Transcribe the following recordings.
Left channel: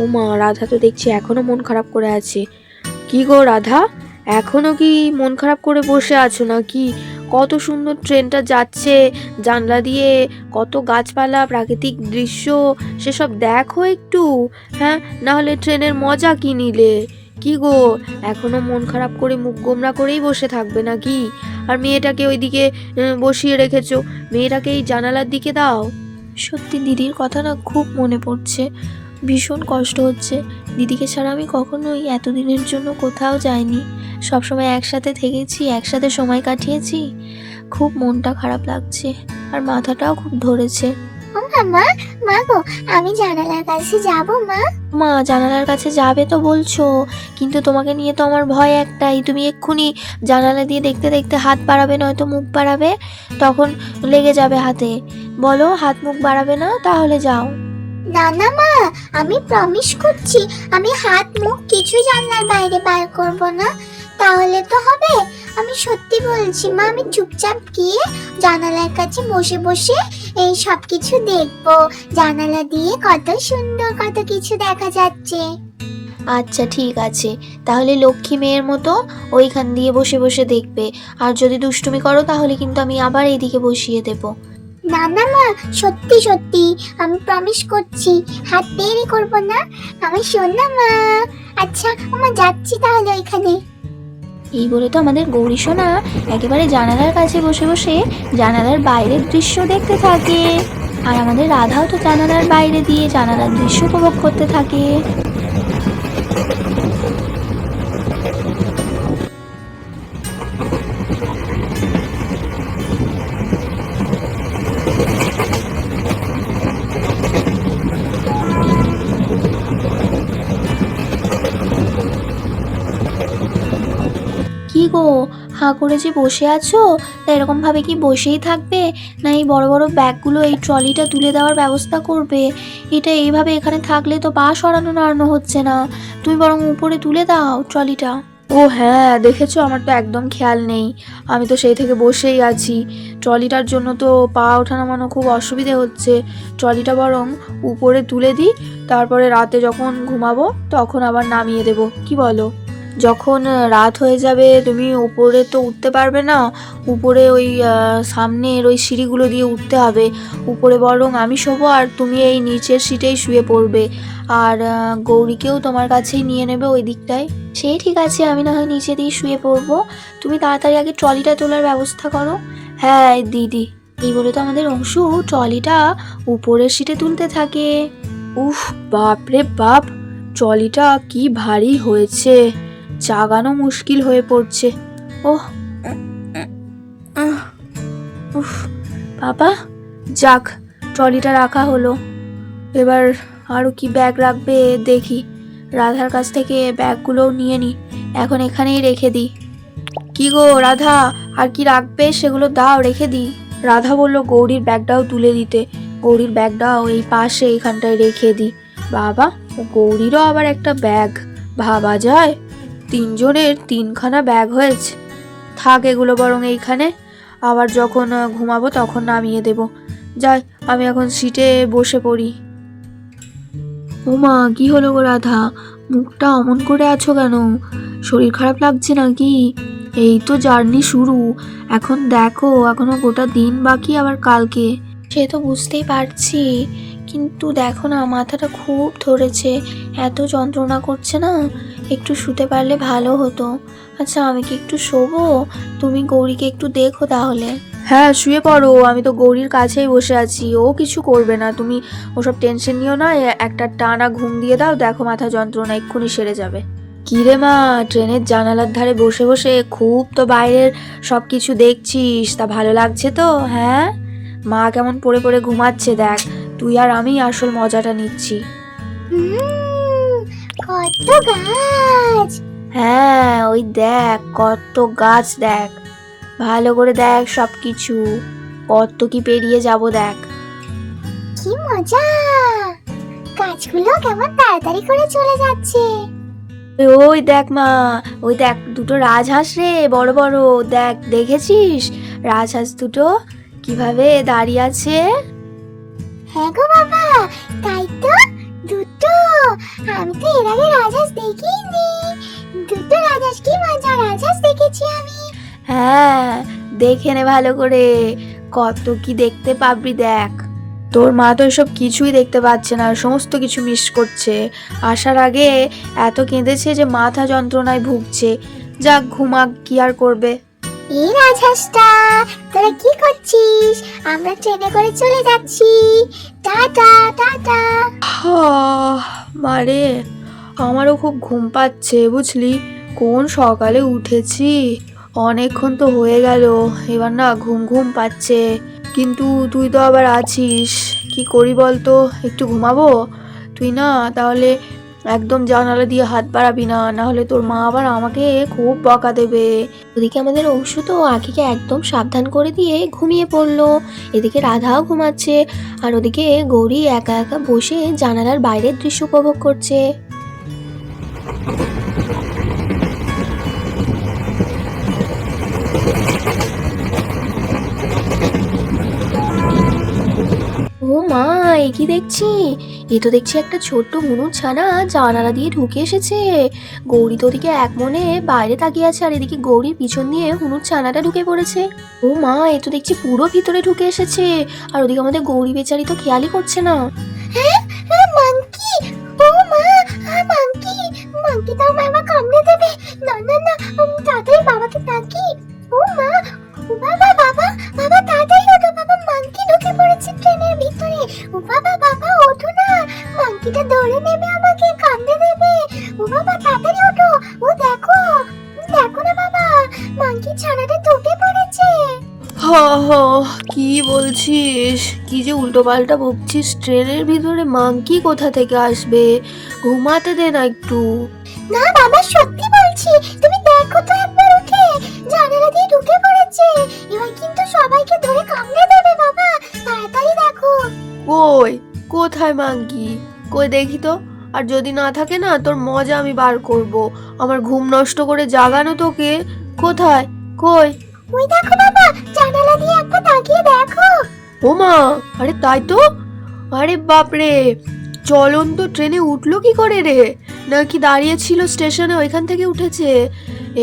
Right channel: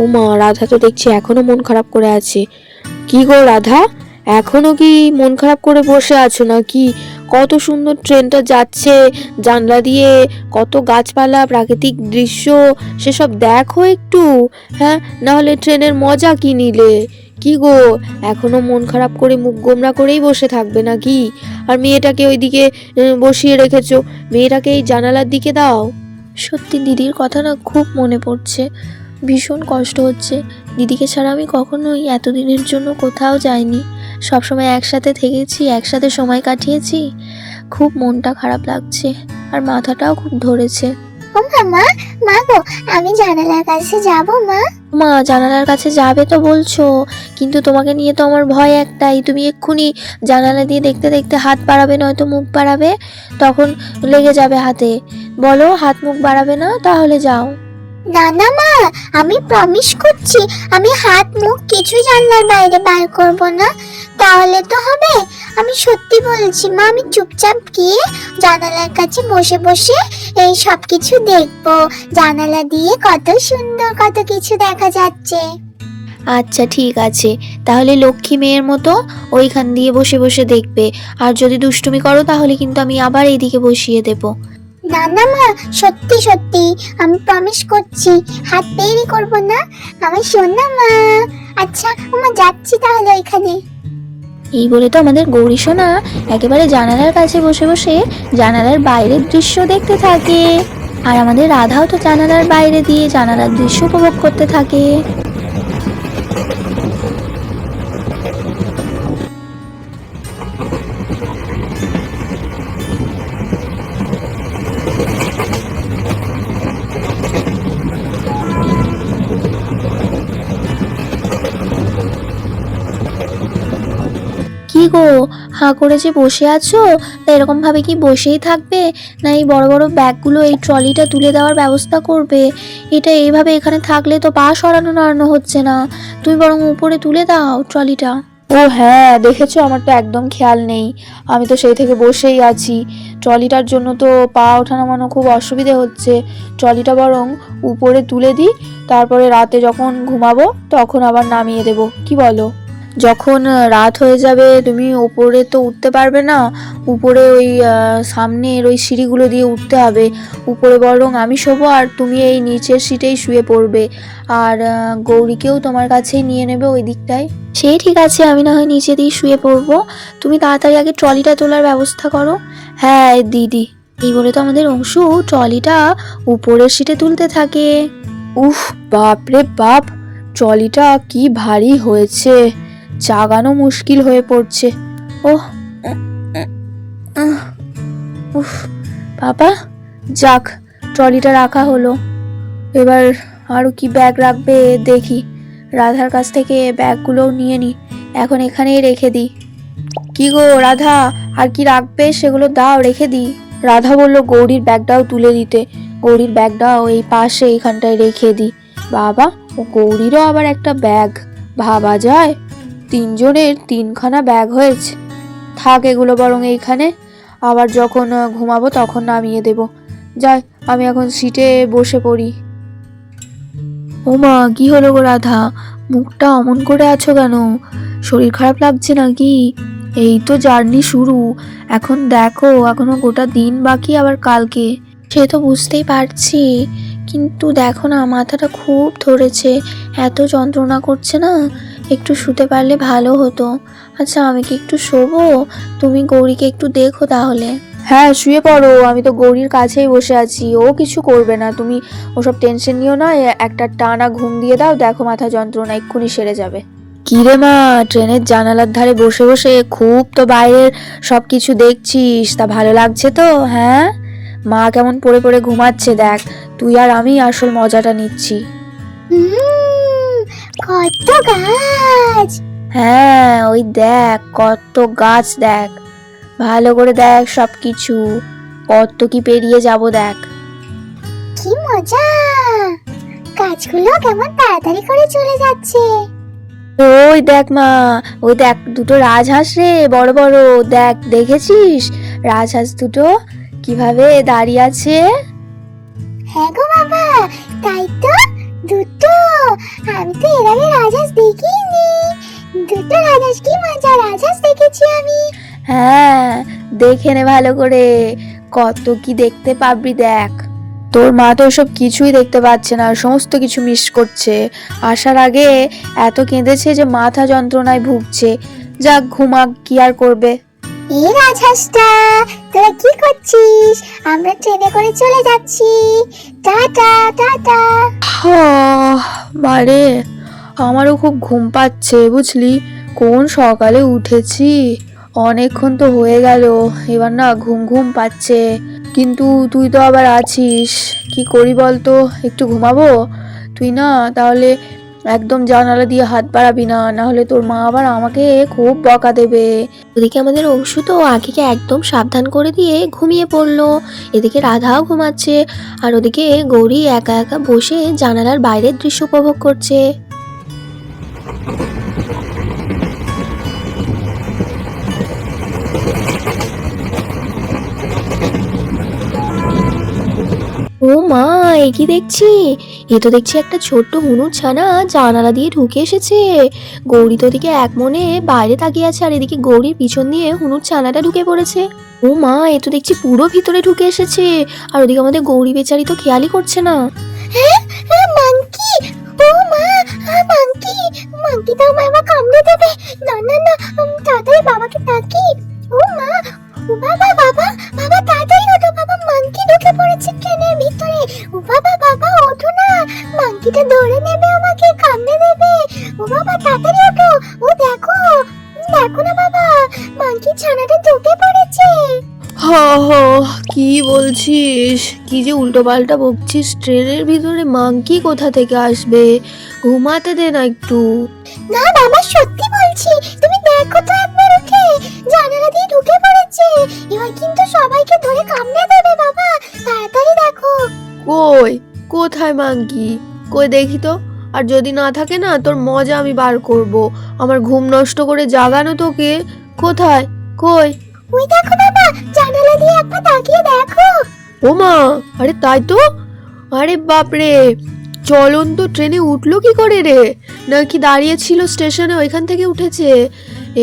ও মা, রাধা তো দেখছি এখনো মন খারাপ করে আছে। কি গো রাধা, এখনো কি মন খারাপ করে বসে আছো নাকি? কত সুন্দর ট্রেনটা যাচ্ছে জানলা দিয়ে, কত গাছপালা, প্রাকৃতিক দৃশ্য, সেসব দেখো একটু। হ্যাঁ, না হলে ট্রেনের মজা কি নিলে? কি গো, এখনো মন খারাপ করে মুখ গোমরা করেই বসে থাকবে নাকি? আর মেয়েটাকে ওইদিকে বসিয়ে রেখেছো, মেয়েটাকে এই জানালার দিকে দাও। সত্যি দিদির কথা না খুব মনে পড়ছে, ভীষণ কষ্ট হচ্ছে। দিদিকে ছাড়া আমি কখনোই এতদিনের জন্য কোথাও যাইনি, সবসময় একসাথে থেকেছি, একসাথে সময় কাটিয়েছি। খুব মনটা খারাপ লাগছে আর মাথাটাও খুব ধরেছে। ও মা, মা গো, আমি জানালার কাছে যাব মা। মা, জানালার কাছে যাবে তো বলছো, কিন্তু তোমাকে নিয়ে তো আমার ভয় একটাই। তুমি এক্ষুনি জানালা দিয়ে দেখতে দেখতে হাত বাড়াবে, নয়তো মুখ বাড়াবে, তখন লেগে যাবে হাতে। বলো, হাত মুখ বাড়াবে না, তাহলে যাও। না না মা, আমি প্রমিস করছি আমি হাত মুখ কিছু জানলার বাইরে বার করব না। তাহলে তো হবে। আমি সত্যি বলছি মা, আমি চুপচাপ গিয়ে জানালার কাছে বসে বসে এই সব কিছু দেখবো। জানালা দিয়ে কত সুন্দর কত কিছু দেখা যাচ্ছে। আচ্ছা ঠিক আছে, তাহলে লক্ষ্মী মেয়ের মতো ওইখান দিয়ে বসে বসে দেখবে। আর যদি দুষ্টুমি করো তাহলে কিন্তু আমি আবার এইদিকে বসিয়ে দেবো। না না মা, সত্যি সত্যি আমি প্রমিস করছি হাত বেরই করব না। আমি শোনা মা। আচ্ছা মা, যাচ্ছি তাহলে ওইখানে। এই বলে তো আমাদের গৌরী সোনা একেবারে জানালার কাছে বসে বসে জানালার বাইরের দৃশ্য দেখতে থাকে। আর আমাদের রাধাও তো জানালার বাইরে দিয়ে জানালার দৃশ্য উপভোগ করতে থাকে। কি গো, হাঁ করে যে বসে আছো, তা এরকম ভাবে কি বসেই থাকবে, না এই বড় বড় ব্যাগগুলো, এই ট্রলিটা তুলে দেওয়ার ব্যবস্থা করবে? এটা এইভাবে এখানে থাকলে তো পা সরানো নাড়ানো হচ্ছে না। তুমি বরং উপরে তুলে দাও ট্রলিটা। ও হ্যাঁ, দেখেছো, আমার তো একদম খেয়াল নেই। আমি তো সেই থেকে বসেই আছি। ট্রলিটার জন্য তো পা ওঠা নামানো খুব অসুবিধে হচ্ছে। ট্রলিটা বরং উপরে তুলে দিই, তারপরে রাতে যখন ঘুমাবো তখন আবার নামিয়ে দেবো, কি বলো? যখন রাত হয়ে যাবে তুমি উপরে তো উঠতে পারবে না। উপরে ওই সামনের ওই সিঁড়িগুলো দিয়ে উঠতে হবে। উপরে বরং আমি শোবো আর তুমি এই নিচের সিটেই শুয়ে পড়বে। আর গৌরীকেও তোমার কাছেই নিয়ে নেবে ওই দিকটায়। সেই ঠিক আছে, আমি না হয় নিচে দিয়ে শুয়ে পড়বো, তুমি তাড়াতাড়ি আগে ট্রলিটা তোলার ব্যবস্থা করো। হ্যাঁ দিদি। এই বলে তো আমাদের অংশু ট্রলিটা উপরের সিটে তুলতে থাকে। উফ, বাপ রে বাপ, ট্রলিটা কি ভারী হয়েছে, চাগানো মুশকিল হয়ে পড়ছে। ওহ, উফ বাবা, যাক, ট্রলিটা রাখা হলো। এবার আরো কি ব্যাগ রাখবে দেখি, রাধার কাছ থেকে ব্যাগগুলোও নিয়ে নি, এখন এখানেই রেখে দিই। কি গো রাধা, আর কি রাখবে সেগুলো দাও, রেখে দিই। রাধা বলল গৌরীর ব্যাগটাও তুলে দিতে, গৌরীর ব্যাগটাও এই পাশে এইখানটায় রেখে দিই। বাবা, ও গৌরীরও আবার একটা ব্যাগ, ভাবা যায়, তিনজনের তিনখানা ব্যাগ হয়েছে। থাক, এগুলো বরং এইখানে, আবার যখন ঘুমাবো তখন নামিয়ে দেব। যাই, আমি এখন সিটে বসে পড়ি। ওমা, কি হলো গো রাধা, মুখটা অমন করে আছো কেন? শরীর খারাপ লাগছে নাকি? এই তো জার্নি শুরু, এখন দেখো এখনো গোটা দিন বাকি, আবার কালকে। সে তো বুঝতেই পারছি, কিন্তু দেখো না, মাথাটা খুব ধরেছে, এত যন্ত্রণা করছে না, একটু শুতে পারলে ভালো হতো। আচ্ছা আমি কি একটু শোবো? তুমি গৌরীকে একটু দেখো তাহলে। হ্যাঁ শুয়ে পড়ো, আমি তো গৌরীর কাছেই বসে আছি, ও কিছু করবে না, তুমি ওসব টেনশন নিও না। একটা টানা ঘুম দিয়ে দাও, দেখো মাথা যন্ত্রণা এক্ষুনি সেরে যাবে। কি রে মা, ট্রেনের জানালার ধারে বসে বসে খুব তো বাইরের সবকিছু দেখছিস, তা ভালো লাগছে তো? হ্যাঁ, মা কেমন পড়ে পড়ে ঘুমাচ্ছে দেখ, তুই আর আমি আসল মজাটা নিচ্ছি। কত গাছ! হ্যাঁ, ওই দেখ কত গাছ, দেখ ভালো করে দেখ, সবকিছু কত কি পেরিয়ে যাব দেখ। কি মজা! গাছগুলো কেমন তাড়াতাড়ি করে চলে যাচ্ছে। ওই দেখ মা, ওই দেখ দুটো রাজহাঁস রে, বড় বড়, দেখ দেখেছিস রাজহাঁস দুটো কিভাবে দাঁড়িয়ে আছে? হ্যাঁ গো বাবা, তাই তো, দুটো। আমি তো এর আগে রাজহাঁস দেখিনি। দুটো রাজহাঁস, কি মজা, রাজহাঁস দেখেছি আমি। হ্যাঁ, দেখে নে ভালো করে, কত কি দেখতে পাবি দেখ। তোর মা তো সব কিছুই দেখতে পাচ্ছে না, সমস্ত কিছু মিস করছে। আসার আগে এত কেঁদেছে যে মাথা যন্ত্রণায় ভুগছে। যাক, ঘুমাক, কি আর করবে। এই রাজহাঁসটা, তোরা কি করছিস? আমরা ট্রেনে করে চলে যাচ্ছি। Tata tata. মারে, আমারও খুব ঘুম পাচ্ছে বুঝলি। কোন সকালে উঠেছি, অনেকক্ষণ তো হয়ে গেল। এবার না ঘুম ঘুম পাচ্ছে, কিন্তু তুই তো আবার আছিস। কি করি বলতো, একটু ঘুমাবো? তুই না তাহলে একদম জানালা দিয়ে হাত বাড়াবি না, না হলে তোর মা আবার আমাকে খুব বকা দেবে। ওদিকে আমাদের অংশু তো আঁখিকে একদম সাবধান করে দিয়ে ঘুমিয়ে পড়লো। এদিকে রাধাও ঘুমাচ্ছে, আর ওদিকে গৌরী একা একা বসে জানালার বাইরের দৃশ্য উপভোগ করছে। ও মা, এ কি দেখছি? এ তো দেখছি একটা ছোট্ট হনুর ছানা জানালা দিয়ে ঢুকে এসেছে। গৌরী তো ওদিকে এক মনে বাইরে তাকিয়ে আছে, আর এদিকে গৌরীর পিছন দিয়ে হনুর ছানাটা ঢুকে পড়েছে। ও মা, এ তো দেখছি পুরো ভিতরে ঢুকে এসেছে, আর ওদিকে আমাদের গৌরী বেচারি তো খেয়ালই করছে না। হ্যাঁ, মাংকি, ও মা, মাংকি, মাংকি তো আমায় আবার কামড়ে দেবে। না না না, তাড়াতাড়ি বাবাকে ডাকি। ও মা, ও বাবা, বাবা, বাবা তাড়াতাড়ি ওঠো বাবা, মাংকি ঢুকে পড়েছে ট্রেনের ভিতরে। ও বাবা, বাবা ওঠো না, মাংকিটা ধরে নেবে, আমাকে কামড়ে দেবে। ও বাবা তাড়াতাড়ি ওঠো, ও দেখো, দেখো না বাবা, মাংকি ছানাটা ঢুকে পড়েছে। কি বলছিস? কি যে উল্টো পাল্টা বকছিস? ট্রেনের ভিতরে মাংকি কোথা থেকে আসবে? ঘুমাতে দে না একটু। না বাবা, সত্যি বলছি, তুমি দেখো তো একবার উঠে, জানালা দিয়ে ঢুকে পড়েছে। এবার কিন্তু সবাইকে ধরে কামড়ে দেবে বাবা, তাড়াতাড়ি দেখো। কই, কোথায় মাংকি? কই দেখি তো। আর যদি না থাকে না, তোর মজা আমি বার করব। আমার ঘুম নষ্ট করে জাগানো তোকে। কোথায়? কই? ওই দেখো বাবা, জানালা দিয়ে একবার তাকিয়ে দেখো। ও মা, আরে তাই তো। আরে বাপরে, চলন্ত ট্রেনে উঠলো কি করে রে? নাকি দাঁড়িয়ে ছিল স্টেশনে, ওইখান থেকে উঠেছে?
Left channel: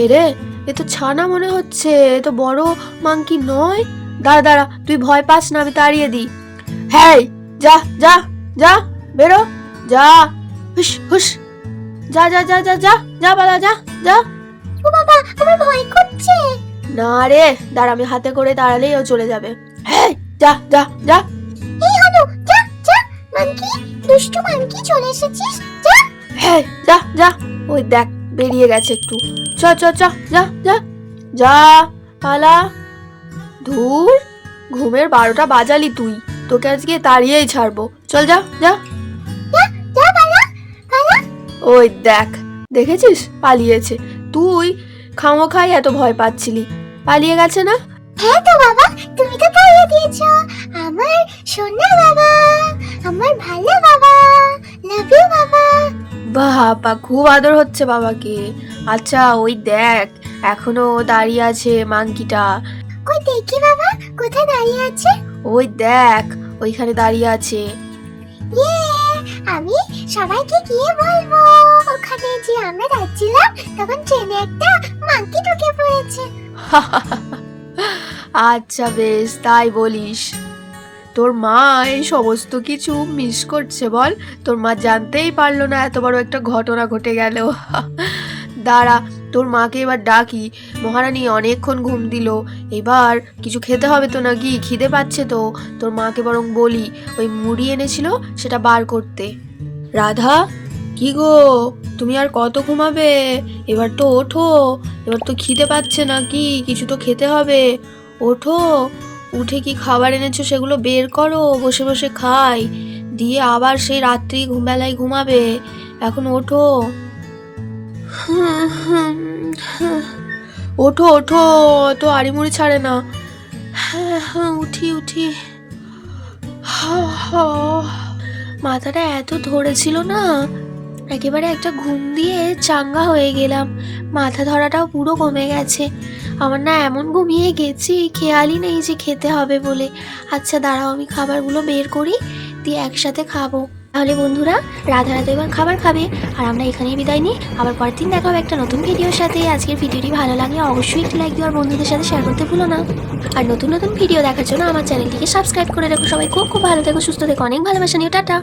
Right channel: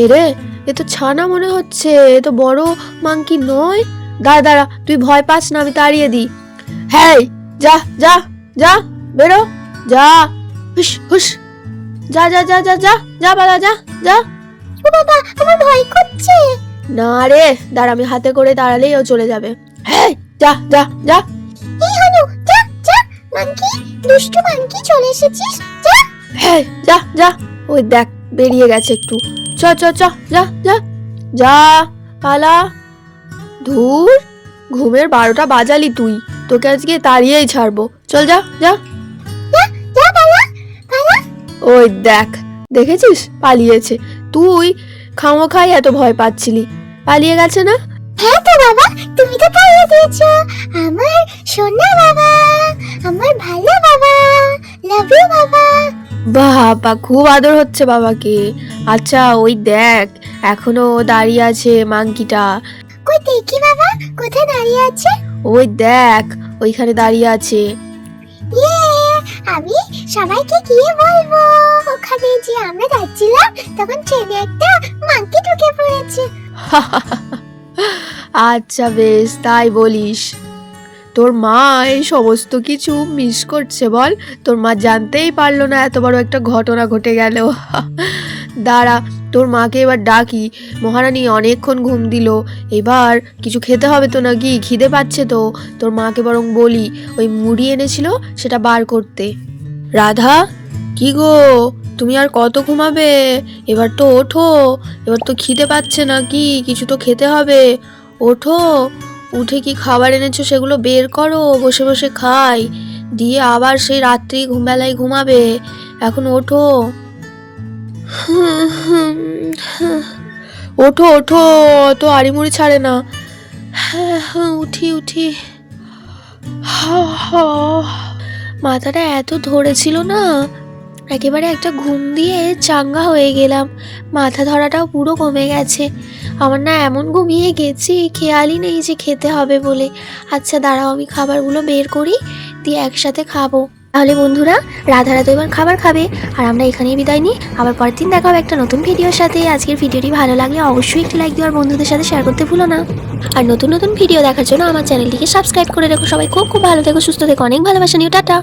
এ রে, এ তো ছানা মনে হচ্ছে, এ তো বড় মাংকি নয়। দাঁড়া দাঁড়া, তুই ভয় পাস না, আমি তাড়িয়ে দিই। হ্যাঁ, যা যা যা, বেরো, যা, হুস হুস, যা যা যা যা যা যা বাবা, যা যা। ও বাবা, আমার ভয় করছে। না রে, দাঁড়া, আমি হাতে করে দাঁড়ালেই ও চলে যাবে। হ্যাঁ, যা যা যা। এই হলো, যা যা, মাংকি, দুষ্টু মাংকি, চলে এসেছিস, যা। হ্যাঁ, যা যা, ওই দেখ বেরিয়ে গেছে একটু। চ চ চ, যা যা যা, পালা। ধুর, ঘুমের 12টা বাজালি তুই, তোকে আজকে তাড়িয়েই ছাড়বো। চল, যা যা। যা পালা, পালা। ওই দেখ, দেখেছিস পালিয়েছে। তুই খামোখাই এত ভয় পাচ্ছিলি, পালিয়ে গেছে না? হ্যাঁ তো বাবা, তুমি তো পাইয়ে দিয়েছো আমার সোনা বাবা, আমার ভালো বাবা, লাভ ইউ বাবা। বাবা, খুব আদর হচ্ছে বাবাকে। আচ্ছা, ওই দেখ, এখনো দাঁড়িয়ে আছে মাংকিটা। কই দেখি বাবা, কোথায় দাঁড়িয়ে আছে? ওই দেখ, ওইখানে দাঁড়িয়ে আছে। ইয়ে, আমি সবাইকে গিয়ে বলবো ওখানে যে আমরা যাচ্ছিলাম, তখন ট্রেনে একটা মাংকি ঢুকে পড়েছে। আচ্ছা বেশ, তাই বলিস। তোর মা এই সমস্ত কিছু মিস করছে বল। তোর মা জানতেই পারলো না এত বড় একটা ঘটনা ঘটে গেল। দাঁড়া, তোর মাকে এবার ডাকি। মহারানী অনেকক্ষণ ঘুম দিল, এবার কিছু খেতে হবে তো নাকি? খিদে পাচ্ছে তো। তোর মাকে বরং বলি ওই মুড়ি এনেছিল সেটা বার করতে। রাধা, কি গো, তুমি আর কত ঘুমাবে? এবার তো ওঠো, এবার তো খিদে পাচ্ছে নাকি? কিছু তো খেতে হবে, ওঠো। উঠে কি খাবার এনেছো সেগুলো বের করো, বসে বসে খাই, দিয়ে আবার সেই রাত্রি ঘুমবেলায় ঘুমাবে। এখন ওঠো। ওঠো ওঠো, তো আড়িমুড়ি ছাড়ে না। হ্যাঁ হ্যাঁ, উঠি উঠি। মাথাটা এত ধরেছিল না, একেবারে একটা ঘুম দিয়ে চাঙ্গা হয়ে গেলাম। মাথা ধরাটাও পুরো কমে গেছে। আমার না এমন ঘুমিয়ে গেছি, খেয়ালই নেই যে খেতে হবে বলে। আচ্ছা দাঁড়াও, আমি খাবারগুলো বের করি, দিয়ে একসাথে খাবো। তাহলে বন্ধুরা, রাধারা তো এবার খাবার খাবে, আর আমরা এখানেই বিদায় নিই। আবার পরের দিন দেখা হবে একটা নতুন ভিডিওর সাথে। আজকের ভিডিওটি ভালো লাগলে অবশ্যই একটি লাইক দিও, আর বন্ধুদের সাথে শেয়ার করতে ভুলো না। আর নতুন নতুন ভিডিও দেখার জন্য আমার চ্যানেলটিকে সাবস্ক্রাইব করে রেখো। সবাই খুব খুব ভালো থেকো, সুস্থ থেকো, অনেক ভালোবাসা নিও, টাটা।